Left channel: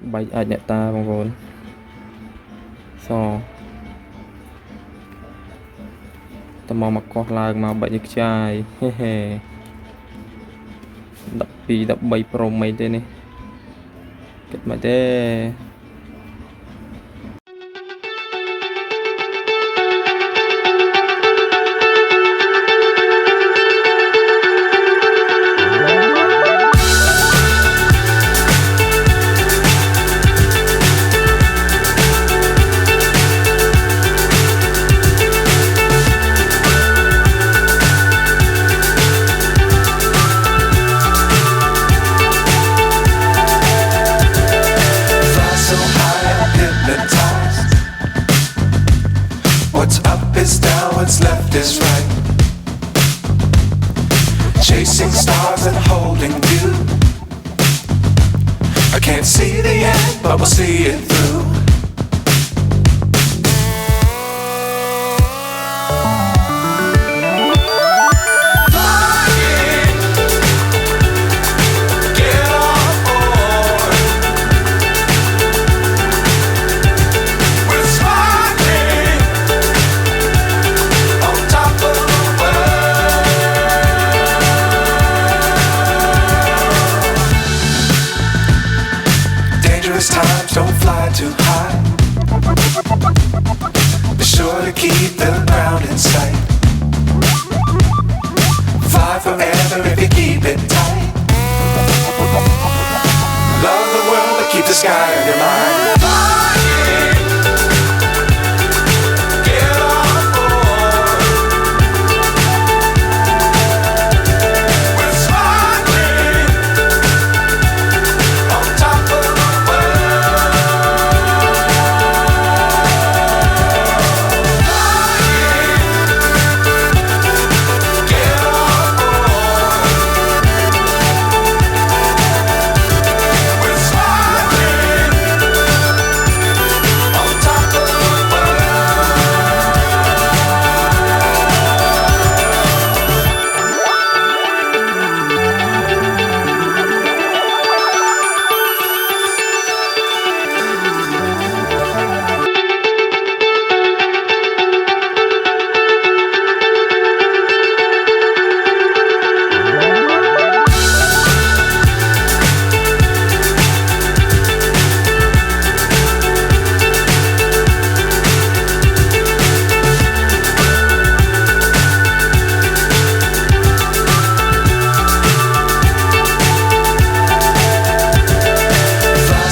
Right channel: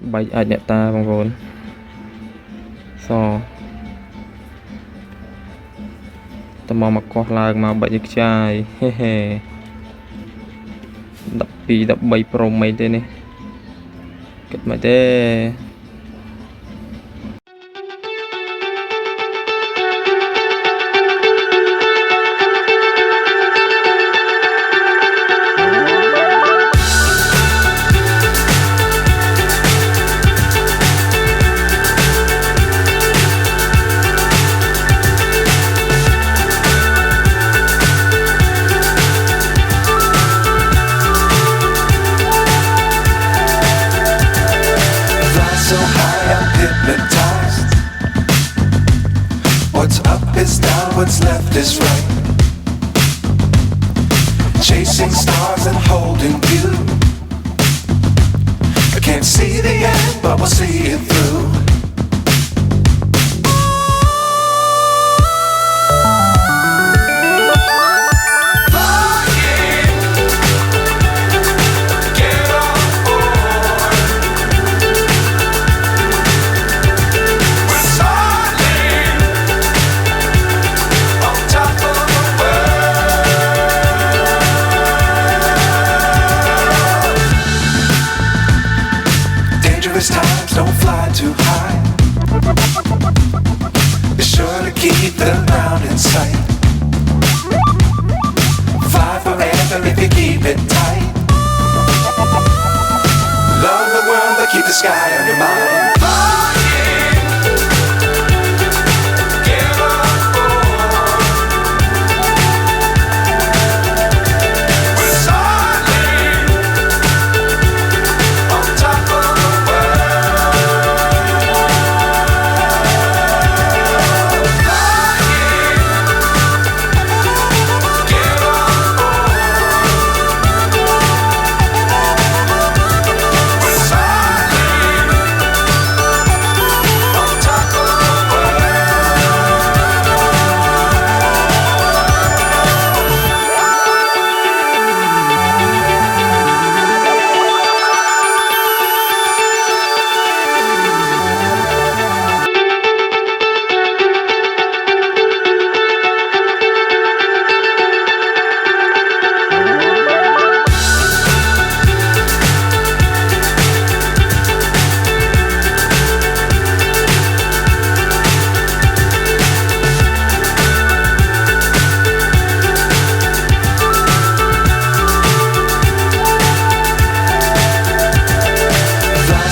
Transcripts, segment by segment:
Bay ai nè ta bằng vốn so tao mau mặc quạt lang mà bay được trai he he đập pi đập bay pro mấy thế này kết mà thế. So high I'm hypnotized. What's up is down, what's left is right. Chasing stars and holding you. I can't see the end, but we'll see it through. Times don't fly too high. Be sure to keep the ground in sight. Fly forever if you keep it tight. Love the world but keep the sky on your mind.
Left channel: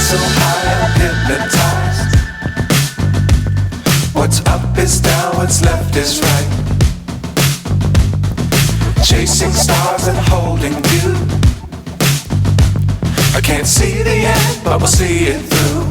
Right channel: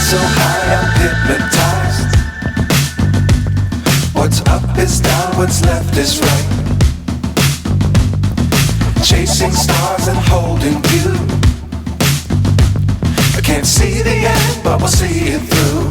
So high I'm hypnotized. What's up is down, what's left is right. Chasing stars and holding you. I can't see the end, but we'll see it through.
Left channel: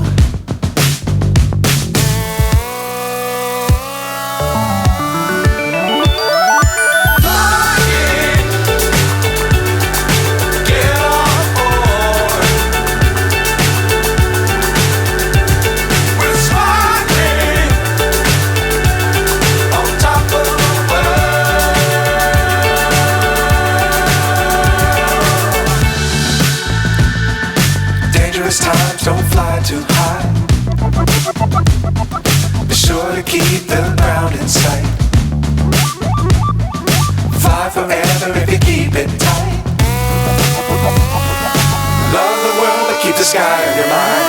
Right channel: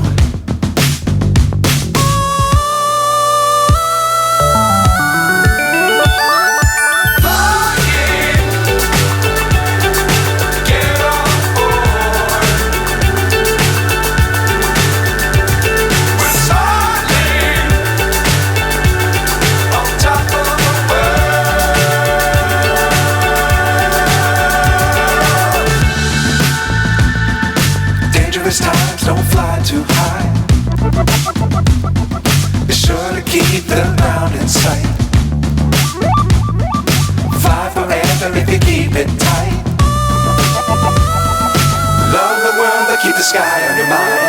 Times don't fly too high. Be sure to keep the ground in sight. Fly forever if you keep it tight. Love the world but keep the sky on your mind.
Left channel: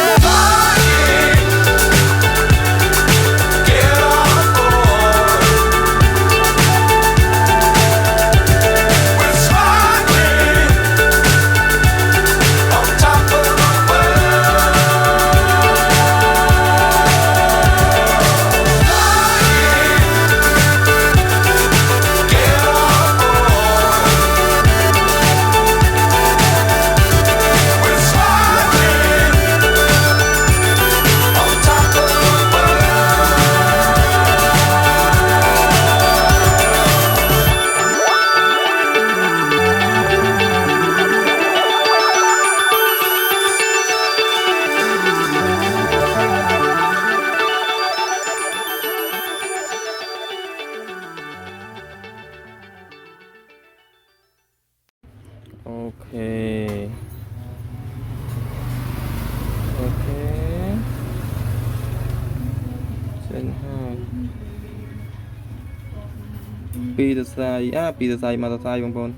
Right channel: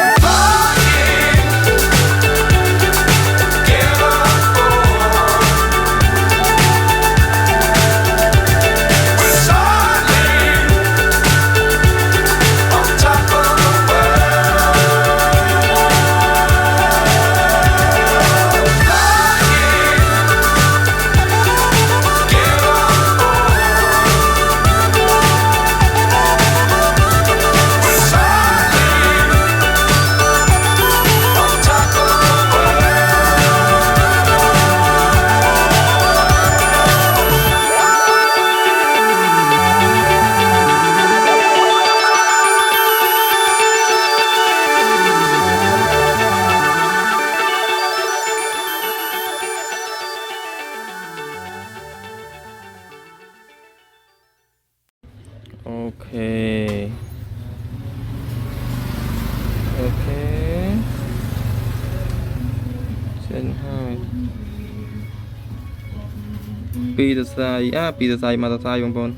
ปีเตอร์ไซค์ปีเตอร์ไซค์มอเตอร์ไซค์บางคน